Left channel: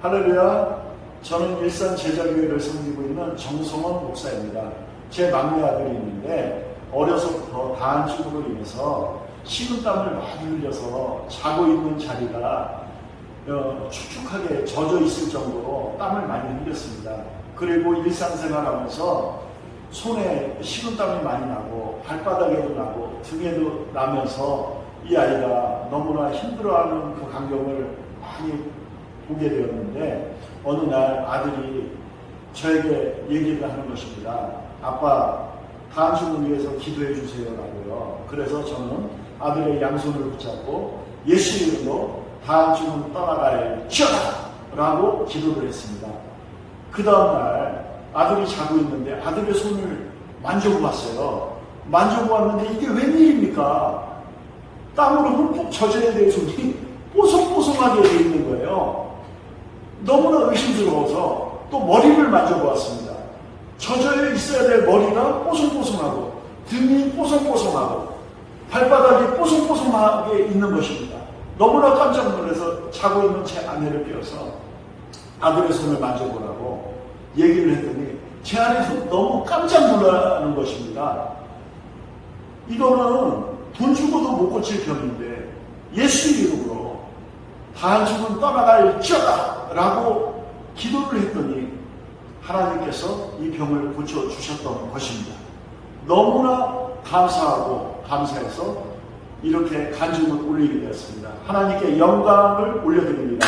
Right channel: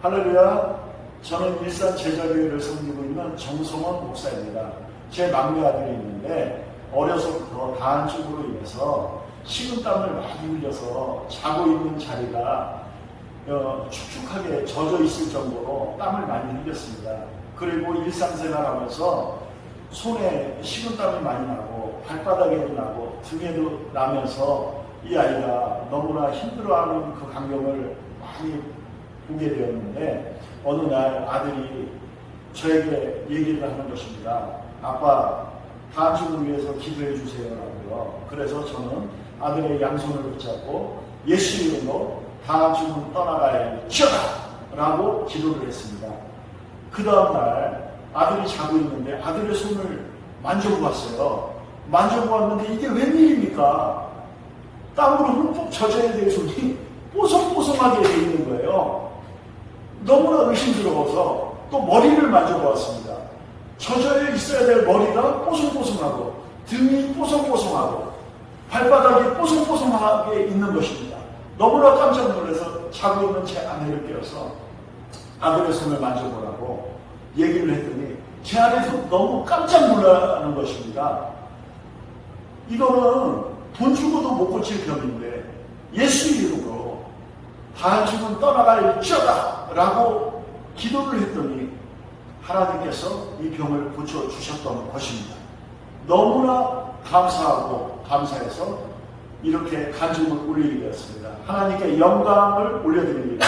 할렐루야. 저는 일산 제자교회를 섬기고 있는 정성원 목사입니다. 제 막내 아들이 있는데 어려서부터 다한증으로 인해서 식은땀을 많이 흘려서 자고 있는 자리가 어, 축축하게 젖어 있을 정도로 땀을 많이 흘렸습니다. 그리고 일상생활 하면서 손에 식은땀이 많이 나고 발바닥에도 나고 등에도 나면서 이 아이가 너무나 힘들어하는 그 광경을 많이 보게 되었는데 어느 날 아들이 저에게 얘기를 하는 것입니다. 아빠 단숨을 위해서 기도해 주세요라고요. 그래서 저는 아들의 양손을 붙잡고 예수 이름으로 단숨은 떠나갈지어다라고 기도를 했습니다. 그 다음날 아들이 자고 있는데 아들의 손을 만져보았어요. 만져보았는데 이게 웬일입니까? 땀으로 흠뻑 젖어야 될 손이 뽀송뽀송하게 돼 있는 거예요. 너무나 의심스러워서 또 머리를 만져보았습니다. 젖어 있어야 될 머리가 뽀송뽀송하고 등이 뽀송뽀송하고 발바닥이 뽀송뽀송하게 있는 것입니다. 너무나 깜짝 놀라서 자고 있는 제 아내를 깨워서 아들의 손을 만져보라고 얘기를 했더니 제 아내도 너무 깜짝 놀라는 것입니다. 이거는 돈 주고도 못 고칠 병인데 예수 이름으로 한숨은 떠나갈지어다 라고 기도를 했더니 하나님께서 이 병을 고쳐주셨던 것입니다. 너무나 감사하고 감사해서 이렇게 간증을 올리게 되었습니다. 하나님께 영광을 올려드립니다.